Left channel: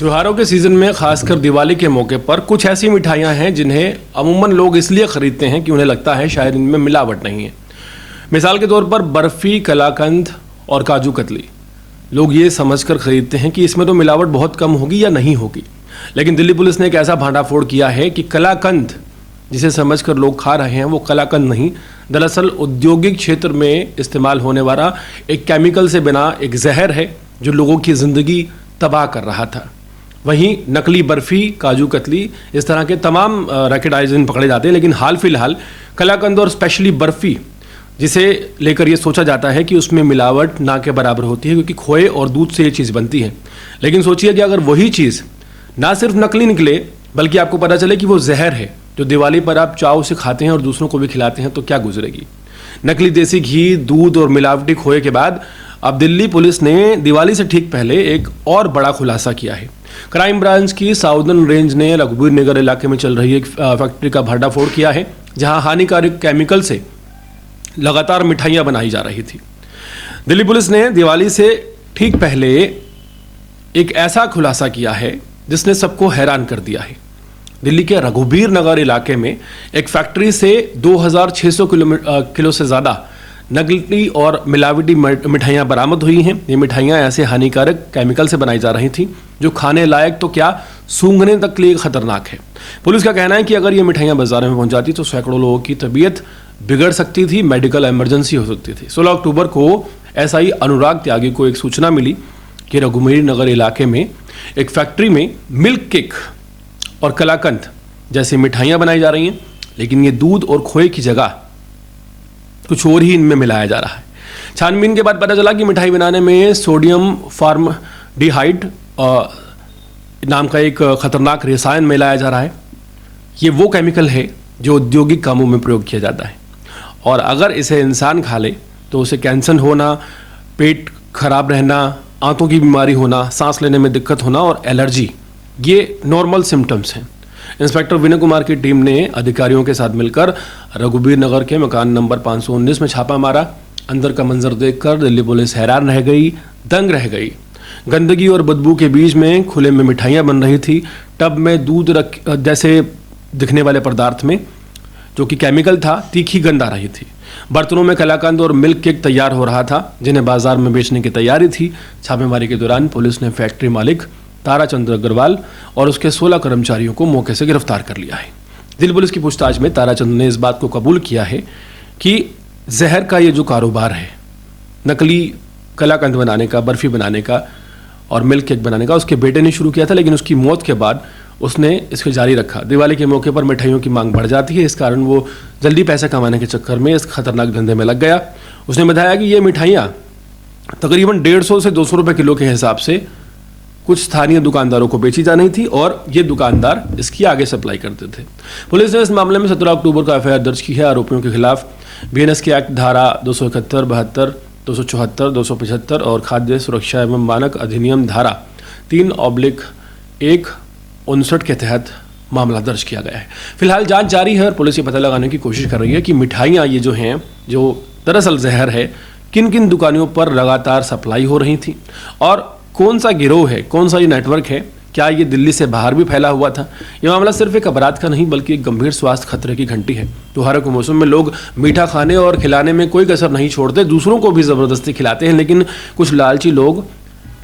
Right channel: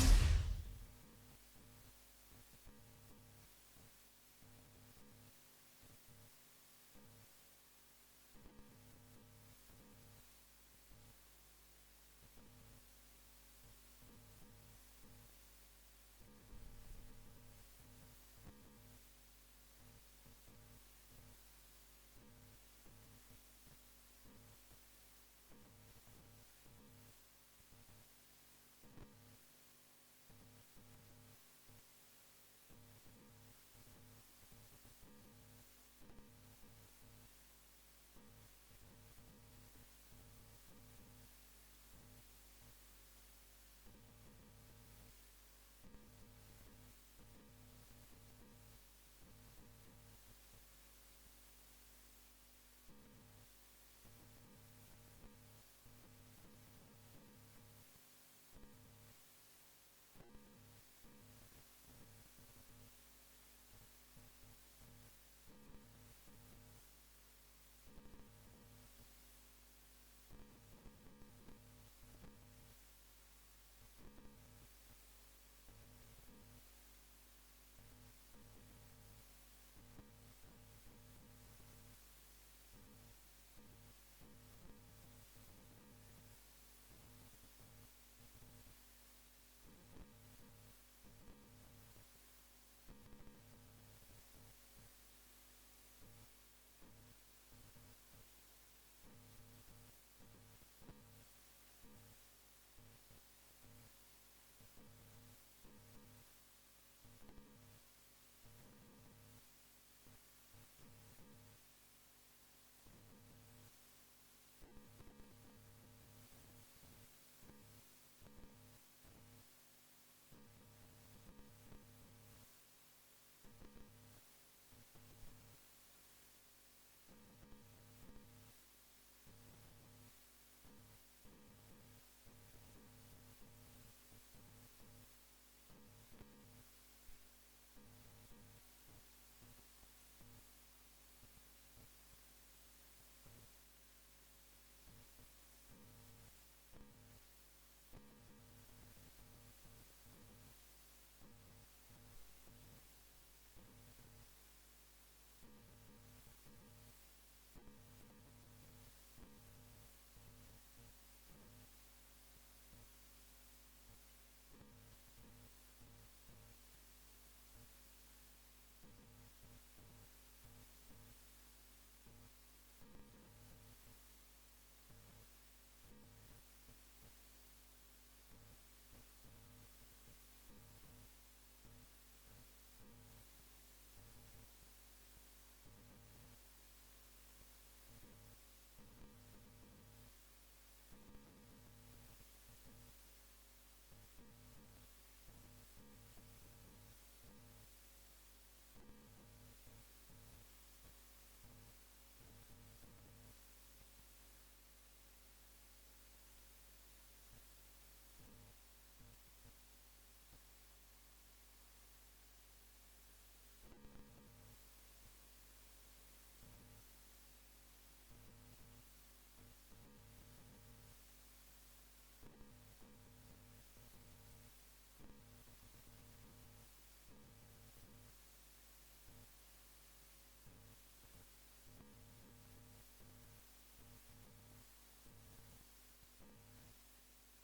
त्योहारों के सीज़न में खासकर दिवाली के मौके पर कुछ ऐसी मिठाइयाँ हैं जिन्हें अमूमन लोग इसलिए ख़रीदते हैं कि उन्हें लगता है शायद इनमें मिलावट नहीं है। मिसाल के तौर पर बर्फ़ी, कलाकंद और काजू कतली। लोग ये समझकर ख़रीदते हैं कि इसमें तो मिलावट बहुत कम होगी या नहीं होगी। लेकिन दिल्ली पुलिस ने एक ऐसा भांडाफोड़ किया है कि कलाकंद जिसे समझकर लोग खा रहे हैं वो कलाकंद नहीं, दरअसल औद्योगिक क्षेत्र में इस्तेमाल होने वाला एक केमिकल से बना एक जहर है जो लोगों की ज़िंदगी तबाह कर रहा था। वहीं नकली बर्फ़ी, काजू कतली, इस तरह के तमाम रैकेट आयोजन पकड़े जाते हैं, लेकिन हाल फिलहाल कलाकंद और स्पेशली बर्फ़ी जिसे लेकर ये सोचा जाता है कि उसमें मिलावट ना के बराबर होती है क्योंकि खोए और दूध से ये चीज़ बनती है। लेकिन सोचिए कि अगर वही चीज़ ना सिर्फ नकली निकले बल्कि आपको पता चले कि वो जहर है जो दिवाली पर आप चाव से खाते हैं और दूसरों को भी खिलाते हैं, तो क्या गुजरेगी। नकली देसी घी, दूध और मिलावटी खोए के बाद अब दिल्ली पुलिस ने दिवाली से ठीक पहले एक और बड़ा खुलासा किया है। क्राइम ब्रांच की साउदर्न रेंज ने रघुबीर नगर इलाके में चल रही एक फैक्ट्री का भंडाफोड़ किया है जहां हानिकारक केमिकल से लगातार मिठाइयां बनाई जा रही थी। दिल्ली पुलिस ने दिवाली से ठीक पहले एक ऐसा खुलासा किया है जिसने सबको हैरान कर दिया है। दिल्ली के रघुबीर नगर इलाके में एक फैक्ट्री से 2600 किलो से ज़्यादा नकली और मिलावटी मिठाइयाँ बरामद हुई हैं। ये मिठाइयाँ ऐसे हानिकारक केमिकल से बनाई जा रही थी जो खाने लायक तो क्या, सूंघने तक के लिए खतरनाक है। पुलिस का कहना है कि अगर ये मिठाइयाँ बाजार में पहुंच जाती तो सैकड़ों लोगों की तबीयत बिगड़ सकती थी, मेडिकल इमरजेंसी हो सकती थी। 16 अक्टूबर को एसआई अनुराग त्यागी को एक सूचना मिली कि रघुबीर नगर इलाके में एक फैक्ट्री में मिल्क केक और कलाकंद जैसी मिठाइयाँ बनाई जा रही हैं, लेकिन ये दूध और खोए की जगह कुछ और ही इनमें मिलाया जा रहा है। छानबीन के बाद पता चला कि मिठाई बनाने में सोडियम फॉर्मल्डिहाइड नाम का एक खतरनाक रसायन मिलाया जा रहा है। ये वो केमिकल है जो औद्योगिक कामों में प्रयोग किया जाता है और अगर इसे इंसान खा ले तो उसे कैंसर होना, पेट खराब रहना, आंतों की बीमारी होना, सांस लेने में दिक्कत होना और एलर्जी, ये नॉर्मल सिम्टम्स हैं। इंस्पेक्टर विनय कुमार की टीम ने अधिकारियों के साथ मिलकर रघुबीर नगर के मकान नंबर 519 में छापा मारा। अंदर का मंजर देखकर दिल्ली पुलिस हैरान रह गई, दंग रह गई। गंदगी और बदबू के बीच में खुले में मिठाइयाँ बन रही थी। टब में दूध जैसे दिखने वाले पदार्थ में जो कि केमिकल था, तीखी गंध आ रही थी। बर्तनों में कलाकंद और मिल्क केक तैयार हो रहा था जिन्हें बाजार में बेचने की तैयारी थी। छापेमारी के दौरान पुलिस ने फैक्ट्री मालिक ताराचंद अग्रवाल और उसके 16 कर्मचारियों को मौके से गिरफ्तार कर लिया है। दिल्ली पुलिस की पूछताछ में ताराचंद ने इस बात को कबूल किया है कि जहर का ये जो कारोबार है, नकली कलाकंद बनाने का, बर्फ़ी बनाने का और मिल्क केक बनाने का, उसके बेटे ने शुरू किया था, लेकिन उसकी मौत के बाद उसने इसको जारी रखा। दिवाली के मौके पर मिठाइयों की मांग बढ़ जाती है, इस कारण वो जल्दी पैसा कमाने के चक्कर में इस खतरनाक धंधे में लग गया। उसने बताया कि ये मिठाइयाँ तकरीबन 150 से 200 रुपये किलो के हिसाब से कुछ स्थानीय दुकानदारों को बेची जा रही थी और ये दुकानदार इसकी आगे सप्लाई करते थे। पुलिस ने इस मामले में 17 अक्टूबर को एफआईआर दर्ज की है। आरोपियों के खिलाफ बीएनएस की एक्ट धारा 271, 72, 274, 275 और खाद्य सुरक्षा एवं मानक अधिनियम धारा 3/1 59 के तहत मामला दर्ज किया गया है। फिलहाल जांच जारी है और पुलिस ये पता लगाने की कोशिश कर रही है कि मिठाइयाँ ये जो हैं, जो दरअसल जहर है, किन किन दुकानों पर लगातार सप्लाई हो रही थी और कौन सा गिरोह है, कौन सा ये नेटवर्क है, क्या ये दिल्ली से बाहर भी फैला हुआ था। ये मामला सिर्फ एक अपराध का नहीं बल्कि एक गंभीर स्वास्थ्य खतरे की घंटी है। त्योहारों के मौसम में लोग मीठा खाने और खिलाने में कोई कसर नहीं छोड़ते, दूसरों को भी ज़बरदस्ती खिलाते हैं, लेकिन कुछ लालची लोग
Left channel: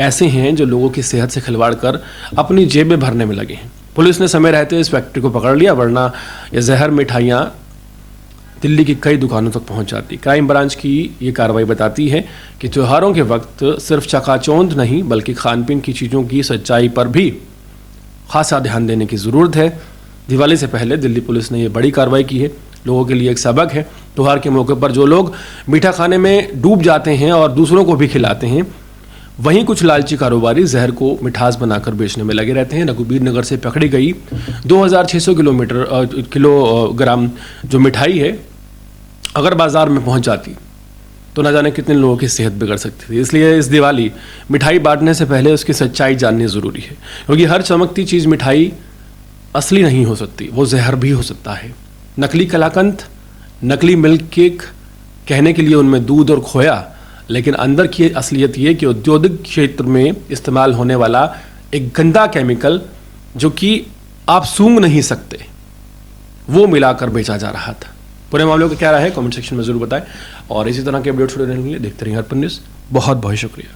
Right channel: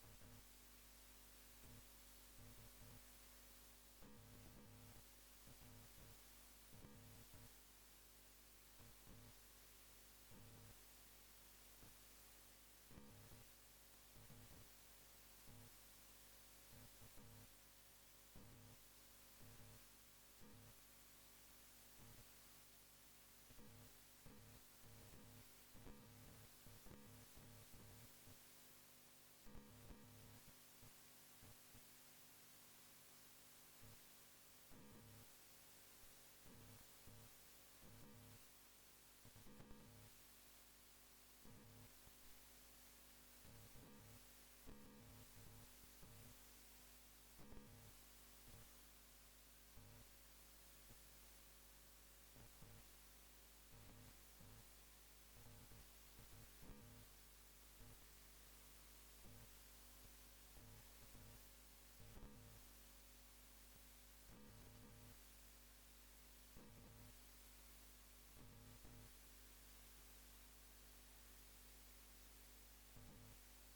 ऐसे हैं जो लोगों की सेहत से खिलवाड़ कर अपनी जेबें भरने में लगे हैं। पुलिस ने समय रहते इस फैक्ट्री को पकड़ लिया, वरना ये जहर मिठाइयाँ दिल्ली की कई दुकानों तक पहुंच जाती। क्राइम ब्रांच की ये कार्रवाई बताती है कि त्योहारों के वक्त सिर्फ चकाचौंध नहीं बल्कि खान पीन की चीज़ों की सच्चाई पर भी खासा ध्यान देने की ज़रूरत है। दिवाली से पहले दिल्ली पुलिस ने ये बड़ी कार्रवाई की है, लोगों के लिए एक सबक है। त्योहार के मौके पर जो लोग मीठा खाने में डूब जाते हैं और दूसरों को भी खिलाते हैं, वहीं कुछ लालची कारोबारी जहर को मिठास बनाकर बेचने में लगे रहते हैं। रघुबीर नगर से पकड़ी गई 2600 किलोग्राम जो मिठाई है, अगर बाजार में पहुंच जाती तो ना जाने कितने लोगों की सेहत बिगड़ सकती थी। इसलिए इस दिवाली मिठाई बांटने से पहले उसकी सच्चाई जाननी ज़रूरी है, क्योंकि हर चमकती चीज़ मिठाई असली नहीं हो सकती, वो जहर भी हो सकता है। नकली कलाकंद, नकली मिल्क केक, कहने के लिए उनमें दूध और खोया, लेकिन अंदर की असलियत ये कि औद्योगिक क्षेत्र में इस्तेमाल होने वाला एक गंदा केमिकल जो कि आप सूंघ नहीं सकते, वो मिलाकर बेचा जा रहा था। पूरे मामले को क्या रहा है कमेंट सेक्शन में जरूर बताएं, और इसी तरह के अपडेट्स देखते रहिए अर्पण न्यूज़। बहुत बहुत शुक्रिया।